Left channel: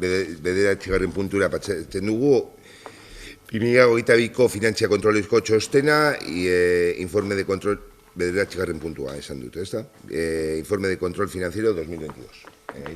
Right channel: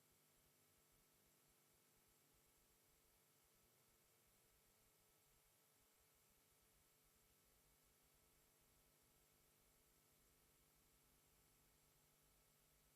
bederatzigarren puntura pasatzen dugu. 2022ko finantzia kontrolezko txostena, informe de control, bederatzigarren puntua esan dute, ¿está? Informe de control financiero 2022.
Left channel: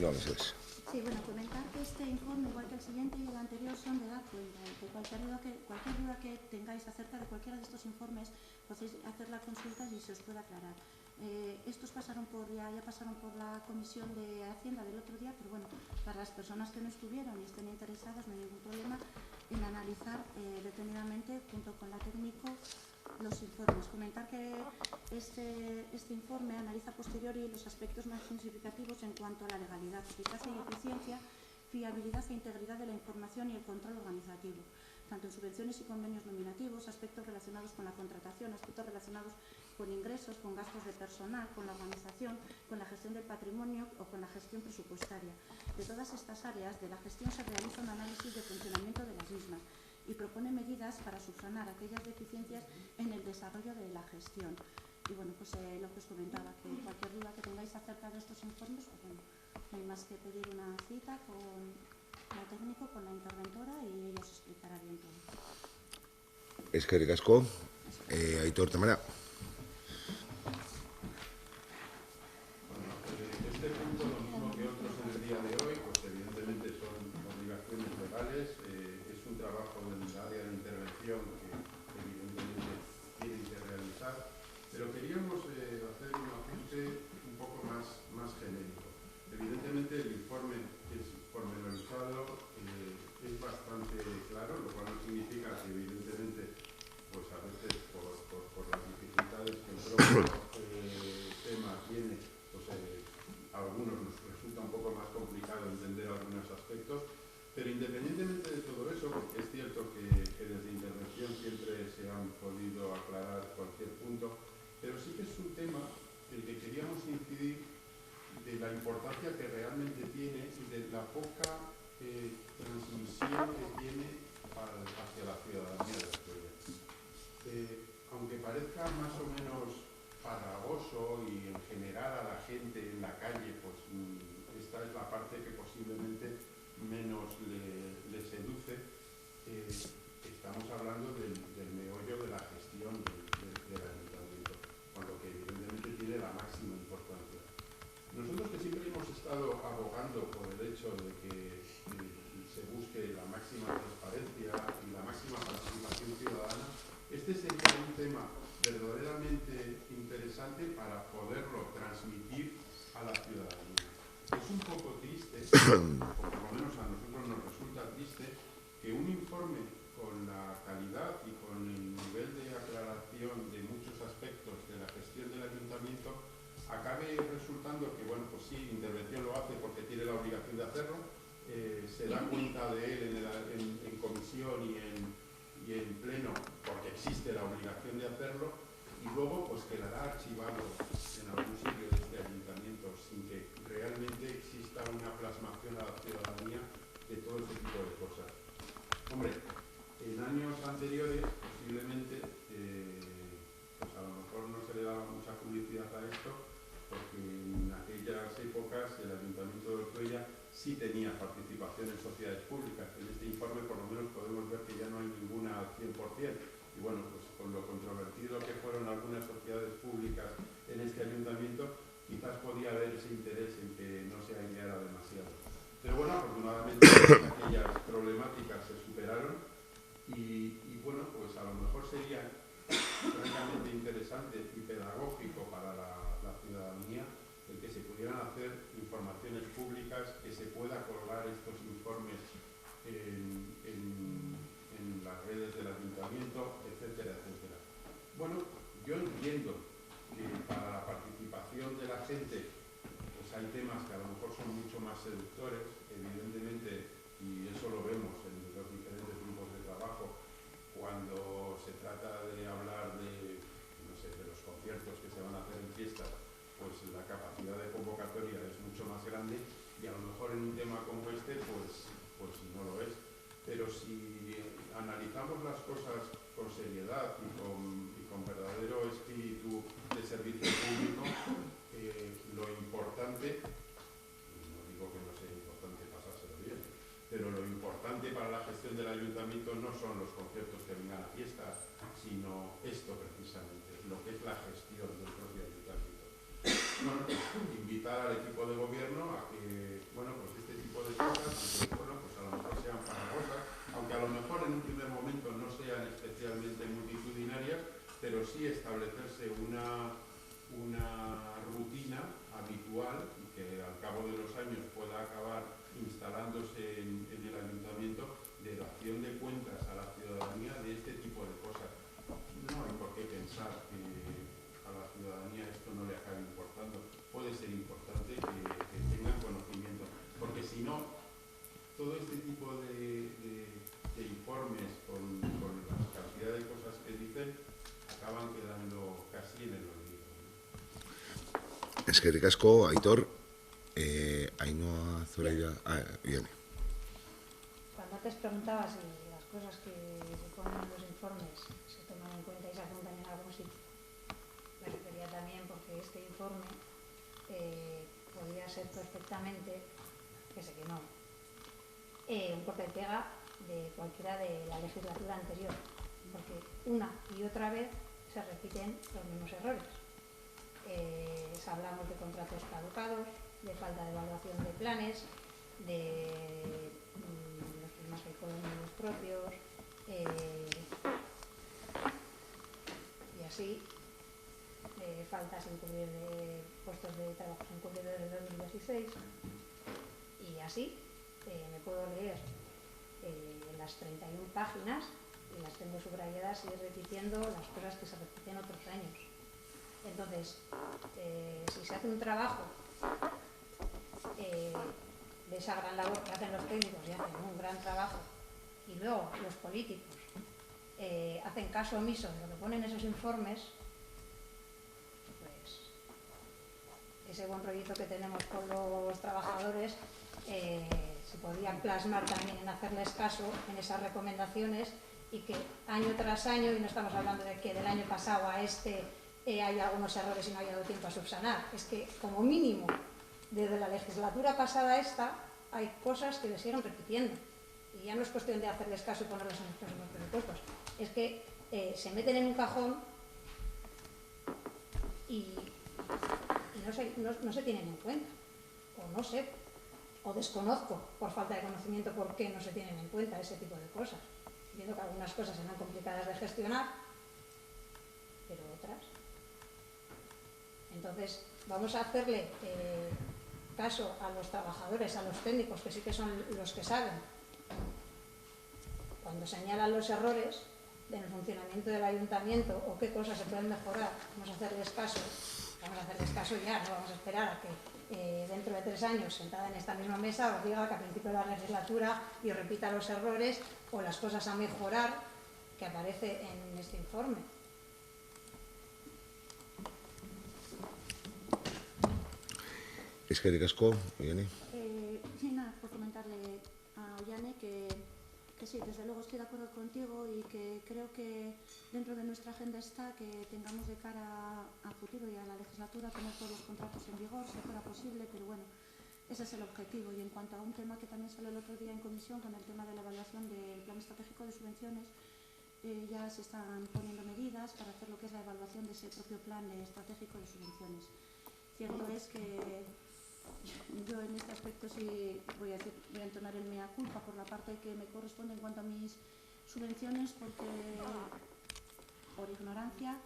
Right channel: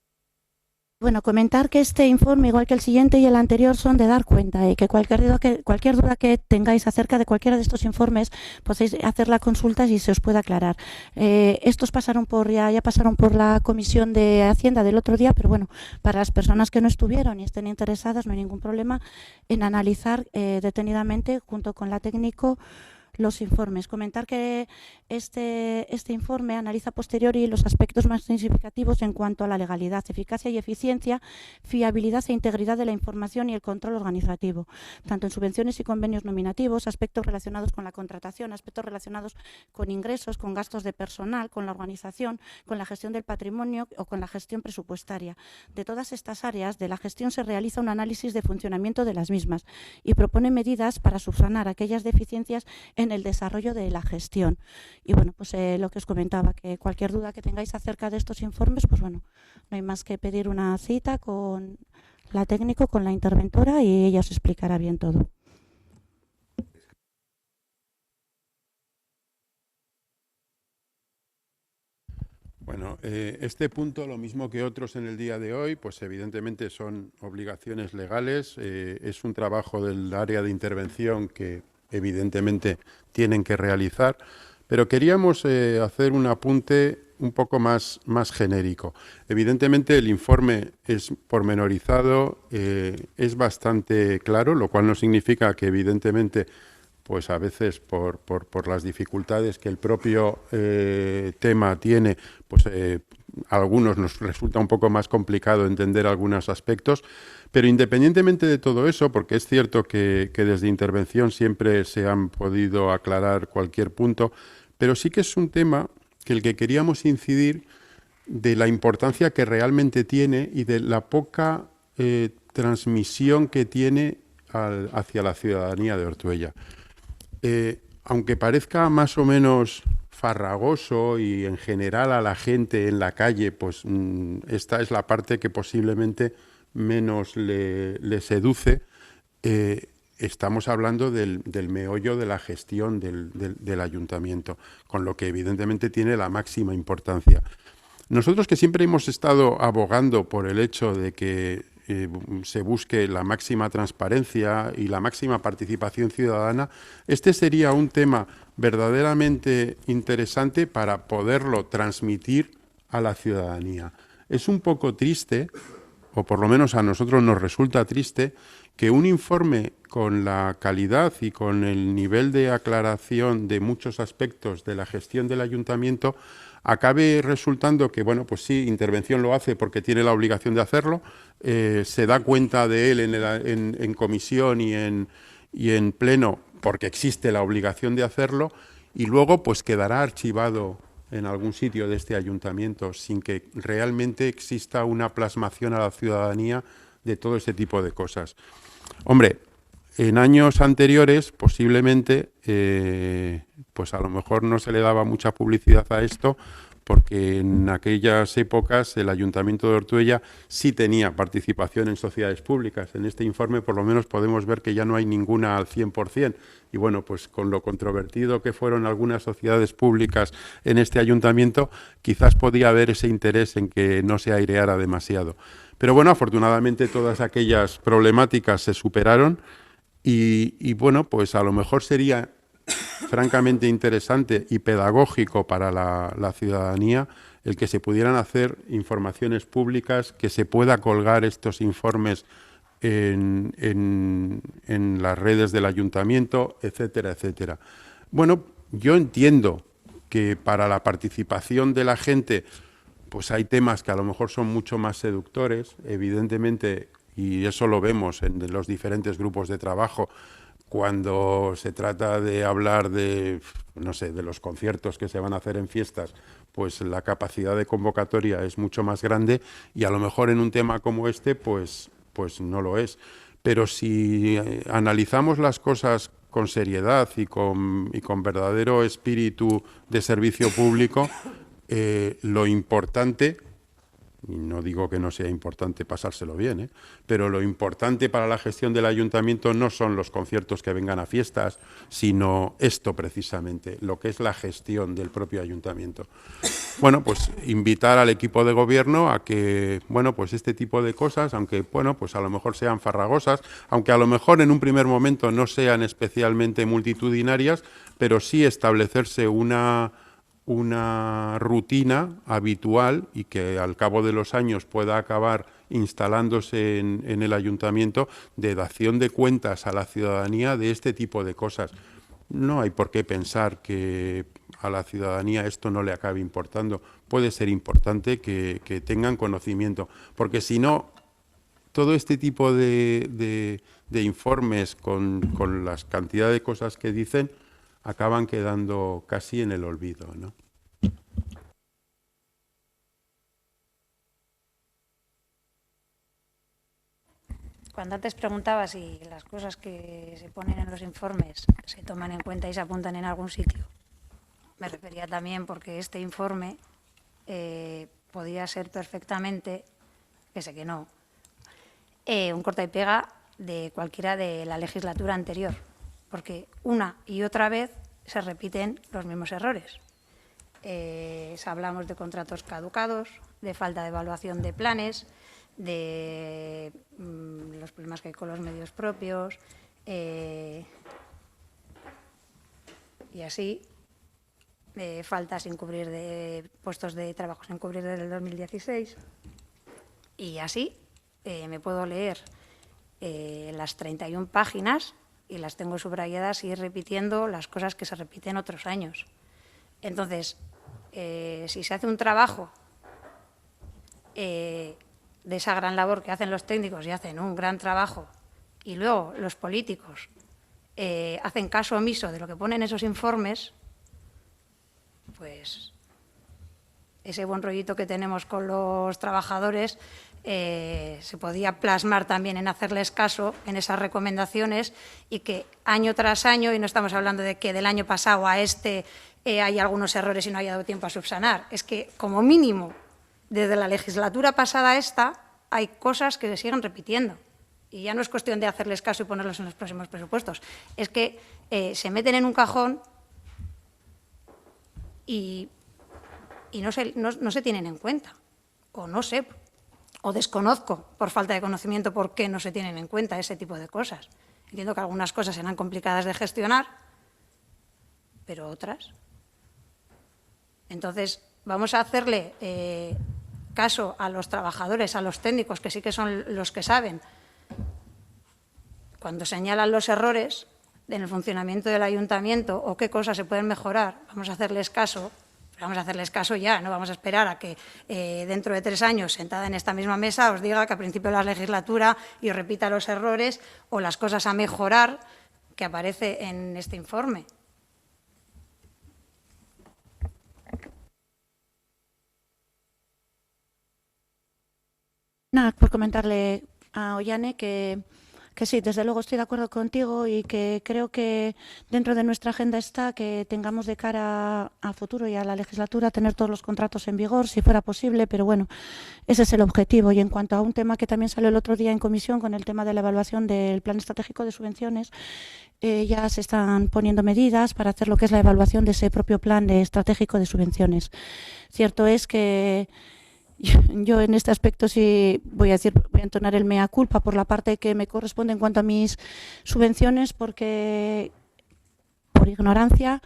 No, mesedez. Bueno, comentar que este informe, igual que el siguiente y el anterior, son de dar cuenta y que cualquier duda que tengáis acerca de cualquiera de estos informes podéis hacer la consulta y se os pueda aclarar. Estos pasaron ya pasaron por la Comisión de Hacienda del otro día, pero bueno, para las personas que no estuvieron y estén interesadas no hay ningún problema en analizar detenidamente junto con la técnico los informes. Comentar que este informe analiza a posteriori los aspectos más significativos en cuanto a la legalidad, eficacia y eficiencia, fiabilidad e integridad de la información y el control organizativo, tanto en subvenciones y convenios nominativos, aspectos relacionados con la contratación, aspectos relacionados con ingresos, con gastos de personal, con la organización, con la gestión del patrimonio o con la gestión presupuestaria. De todas estas áreas de la gestión se realiza un análisis de funcionamiento de las mismas y propone medidas para subsanar aquellas deficiencias en el desarrollo de la gestión. Y bueno, pues lo que os comentaba, que cualquier duda que tengáis acerca de estos informes, pues bueno, no hay más que pedir una cita con la técnico, con la interventora y ella os explicará bien todo. Eskerrik asko. Aitor Tamara. Bueno, este punto, lo mismo que otros en el día de hoy, pues evidentemente son obligaciones legales. Es un trabajo del área de intervención que evidentemente tienen que realizar, pero queríamos hacer un apunte un poco más genérico. Evidentemente el informe es pormenorizado, es bastante claro, lo cual no significa que evidentemente pues a veces por las dificultades que el propio tema tiene, pues a algunos nos resulta un poco más complicado entender algunos aspectos. Pero independientemente de todo eso, porque es cierto que desde intervención siempre se han podido aclarar cualquier punto, pero sí que es un tema que el que queríamos incidir de la importancia que realmente tiene y de la poca transmisión que tiene hacia la ciudadanía de Ortuella. Aunque parezca más o menos farragoso y en general a la gente en la calle, pues esta es la parte que posiblemente menos le seduce. Estamos hablando del meollo de la gestión del ayuntamiento, con lo que evidentemente tiene la máxima importancia. Nosotros que siempre hemos estado abogando por el hecho de que se busque la máxima transparencia y la máxima participación ciudadana, este sería un tema verdaderamente interesante para poderlo transmitir a la ciudadanía. Es un poco triste, o por lo menos a nosotros nos resulta triste, que un informe con la calidad y con el nivel de aclaración de muchos aspectos de la gestión del ayuntamiento acabe resultando que, bueno, pues sí, intervención lo hace porque tiene la obligación de hacerlo, se da cuenta de él en comisión y en pleno porque existe la obligación de hacerlo, y luego pues quedará archivado en algún sitio de este ayuntamiento sin que realmente exista una plasmación a la ciudadanía de todo este tipo de cosas. Hombre, en años anteriores posiblemente pues a lo mejor no se le daba mucha publicidad a esto, porque en aquellas épocas el Ayuntamiento de Ortuella sí tenía participación en sociedades públicas. En este informe por lo menos podemos ver que ya no hay ninguna al 100%. Y bueno, pues con lo controvertido que fueron algunas sociedades públicas en este ayuntamiento, quizás podía haber ese interés en que no se aireara demasiado. Pero bueno, afortunadamente todas aquellas problemáticas se superaron y bueno, pues a lo mejor sería francamente interesante y pedagógico para la ciudadanía el que se pudieran hacer informaciones públicas, que se pueda colgar estos informes en las redes del ayuntamiento, etcétera, etcétera. Bueno, yo entiendo que para la participación de la gente pues hay temas que a lo mejor son mucho más seductores, evidentemente, y eso lo vemos en los diferentes grupos de trabajo, cuando se trata de hablar de, no sé, de los conciertos que se van a hacer en fiestas, pues la capacidad de convocatoria es mucho más grande y a lo mejor en un tema como este, pues no lo es. Pero si analizamos las cosas con seriedad y con verdadero espíritu de servicio público, lo importante, y no digo que no sea importante pasárselo bien, pero lo importante para la gestión del ayuntamiento no son los conciertos que vengan a fiestas, sino esto precisamente, lo que es la gestión del propio ayuntamiento. Bueno, pues invitar al equipo de gobierno a que, bueno, pues este tipo de cosas, aunque, bueno, pues a lo mejor sean farragosas, aunque a lo mejor en un primer momento no sean especialmente multitudinarias, pero sí establecerse una rutina habitual y que al cabo de los años pueda acabar instalándose en el ayuntamiento de dación de cuentas a la ciudadanía de este tipo de cosas. No hay por qué pensar que a la ciudadanía esto no le acabe importando. Puede ser importante que tengan conocimiento, porque si no, todo este tipo de informes con las cantidades de cosas que dicen acaban quedando casi en el olvido, ¿no? Eskerrik asko, Aitor. Ainhoa, Zoraida... Bien. Cuando antes preguntaba si las cosas que se ponen en los informes se toman en cuenta y se apuntan en algún sitio, me refería también porque este informe podía ser perfectamente, que sé que no, un corta y pega de cualquiera de la legislatura anterior, porque una y otra vez se repiten los mismos errores. Hablamos de contratos caducados, de falta de evaluación de planes, de los problemas que hay con los medios propios, y así, de falta sin cubrir de puestos de trabajo sin cubrir desde el 2016, y así me puedo leer las 31 páginas y las tengo subrayadas y ir repitiendo las cosas que se repiten otros años. Entonces, si se hace un trabajo de esa gran labor que hacen los técnicos y hacen un gran trabajo, y luego los políticos hacen caso omiso de lo que ponen esos informes, pues ese buen rollito que tenemos con los trabajadores se podía plasmar también en hacerles caso en esas recomendaciones, y que año tras año, y no estamos hablando de que del año pasado a este hay algunos errores y no haya dado tiempo a subsanar, es que como mínimo desde la legislatura pasada a esta hay cosas que se siguen repitiendo, y ya no es cuestión de hacerles caso y ponerlos en los próximos presupuestos, es que se meten en un cajón y no se tienen en cuenta, o no sé, o desconozco por falta de conocimiento por qué no se tienen en cuenta ese tipo de cosas. Entiendo que algunas cosas serán complicadas de gestionar, pero otras. Entonces, vamos a hacerle caso a los trabajadores, a los técnicos, que sí que son los que saben. Cuando señalan los errores en el funcionamiento del ayuntamiento o qué cosas se pueden mejorar, vamos a hacerles caso. Vamos a hacerles caso ya, no vamos a esperar a que dentro de 3 años, sentada en esta misma mesa, os diga que a principio de la legislatura y os repita los errores o las cosas a mejorar que aparece en este informe. Eskerrik asko, Ollane. Nada, por comentarle a Ollane que sí, desde luego estoy de acuerdo contigo, y que creo que dentro de nuestra agenda está que tengamos de cara al futuro y a la legislatura tener todos los contratos en vigor, si fuera posible, pero bueno, ese es el objetivo. Y en cuanto a un tema que también salió el otro día en comisión, con el tema de la evaluación del Plan Estratégico de Subvenciones, ya se están poniendo medidas para hacer lo que es la evaluación de ese propio Plan Estratégico de Subvenciones. Cierto es que yo en este aspecto sí voy a entonar el mea culpa por la parte que me corresponde en cuanto a mis subvenciones, porque por ignorancia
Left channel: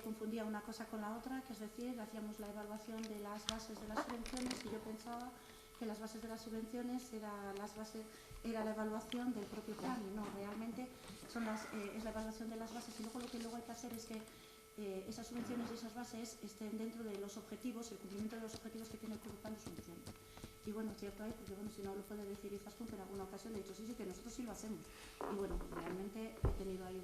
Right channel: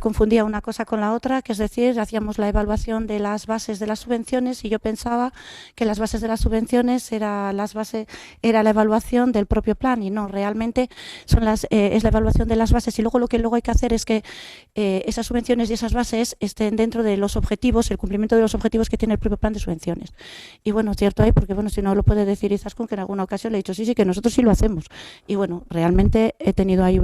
confundía una cosa con la otra, que es decir, hacíamos la evaluación de las bases de las subvenciones y yo pensaba que las bases de las subvenciones era la evaluación del propio plan, y no, realmente es la evaluación de las bases, y luego lo que luego hay que hacer es que esas subvenciones y esas bases estén dentro de los objetivos, el cumplimiento de los objetivos que tiene el propio plan de subvenciones. Y bueno, cierto hay, porque bueno, si no lo puede decir Izaskun, que en alguna ocasión le he dicho sí, que nosotros sí lo hacemos, y bueno, realmente he tenido ahí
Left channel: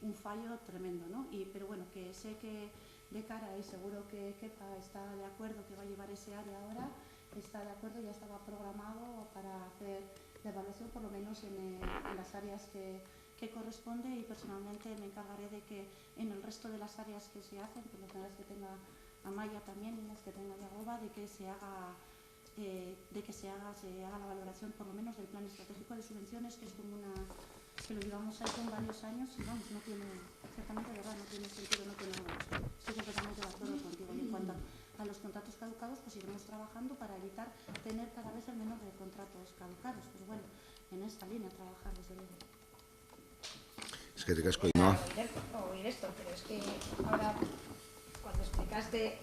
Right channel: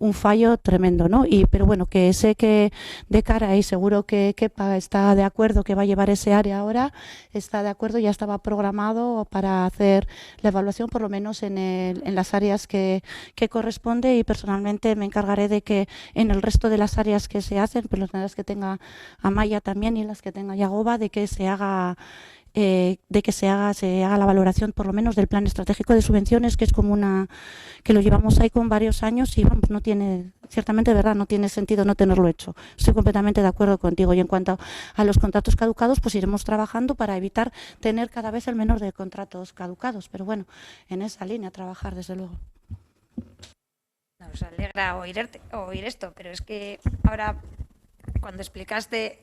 un fallo tremendo, ¿no? Pero bueno, que sé que de cara, y seguro que Kepa está de acuerdo, que va a llevar ese área ahora, está de acuerdo, ya estaba programado para hacer la evaluación, por lo menos en las áreas que corresponde, y personalmente me encargaré de que en el resto de las áreas que se hacen, pues las que tenga Amaya también y las que tenga Yagoba, de que se haga de que se haga la valoración por lo menos del plan estratégico de subvenciones, que es como que lo llevamos ahí con varios años y vamos, no tiene, ciertamente de verdad, no tiene sentido no tenerlo hecho. Estoy completamente de acuerdo contigo. Y en cuanto a los contratos caducados, pues iremos trabajando para evitar tener cada vez el menor de contratos caducados. Pero bueno, en esa línea trabajar, desde luego. Es que Me alegra oír esto, pero es que ahora, cuando explicaste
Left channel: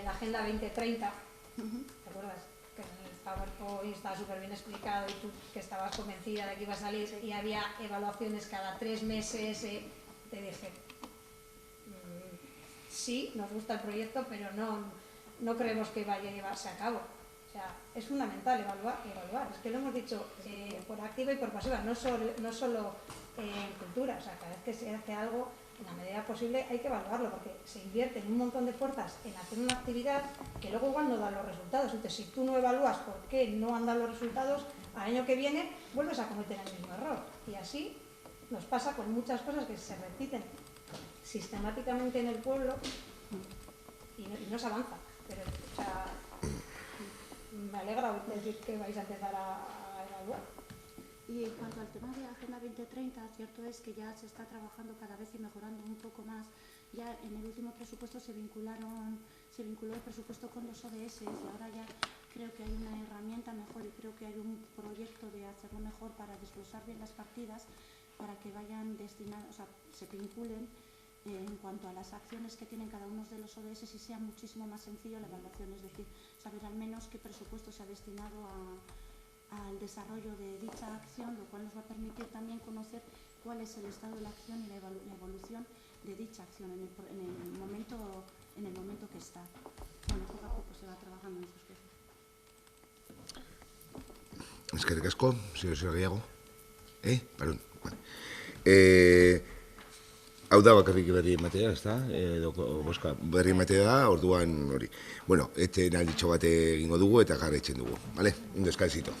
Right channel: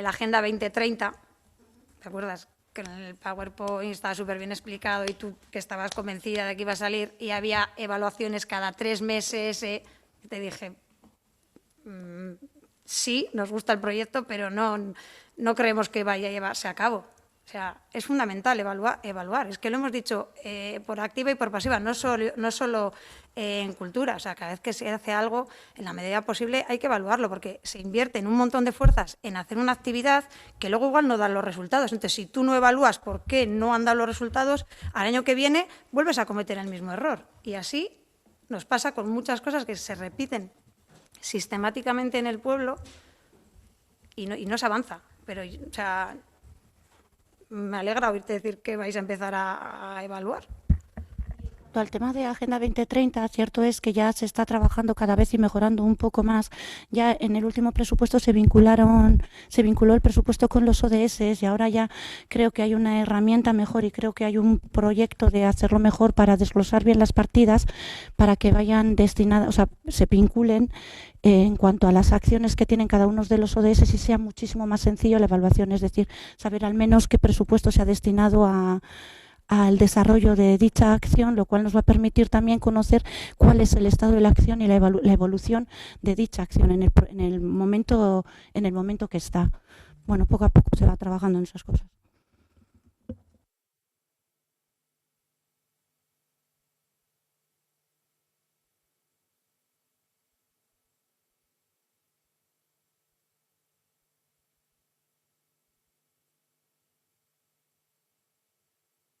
la Agenda 2030, ¿te acuerdas? Que en el PowerPoint estaba súper bien explicado y tú que estabas convencida de que iba a salir y había evaluaciones cada 3 meses, te dije, sí, nos gusta el proyecto, pero no creemos que vaya a llevarse a cabo. O sea, es fundamental evaluar. Es que lo hemos dicho por activa y por pasiva, no solo en cultura. O sea, cada vez que se hace algo, en la medida posible hay que evaluarlo, porque se invierten un montón de fuerzas en hacer una actividad que luego igual no dan los resultados. Entonces, si tú no evalúas por qué no han dado los resultados, al año que viene vuelves a cometer el mismo error. Y así nos pasa con muchas cosas que se repiten sistemáticamente en el pueblo y no se avanza. Pero, o sea, me alegra oírte decir que vais a empezar a evaluar. Y en cuanto al tema de Agenda 2030, cierto es que ya se está trabajando cada vez y mejorando un poco más. Ya en el último presupuesto se vinculó el presupuesto con los ODS y ahora ya creo que hay una herramienta mejor y creo que hay un proyecto de hacerlo mejor para desglosar bien las partidas para que vayan destinadas, o sea, se vinculen en cuanto a las acciones que tienen cada uno de los ODS y sea muchísimo más sencillo la evaluación, es decir, saber al menos qué presupuesto se ha destinado al desarrollo de dicha acción, lo cual nos va a permitir también conocer cuál es el estado de la acción y la evolución de dicha acción en el momento que está. Bueno, poco a poco se va trabajando en esas cosas. Eskerrik asko, señor Gehiago. Perdón. Vale. Hau da bakarrik berri ematea, ezta? Boska berri ematea da, orduan hori. Bueno, etxen alditxo bat egingo dugu eta jarraitzen dugu, vale? Un descansito.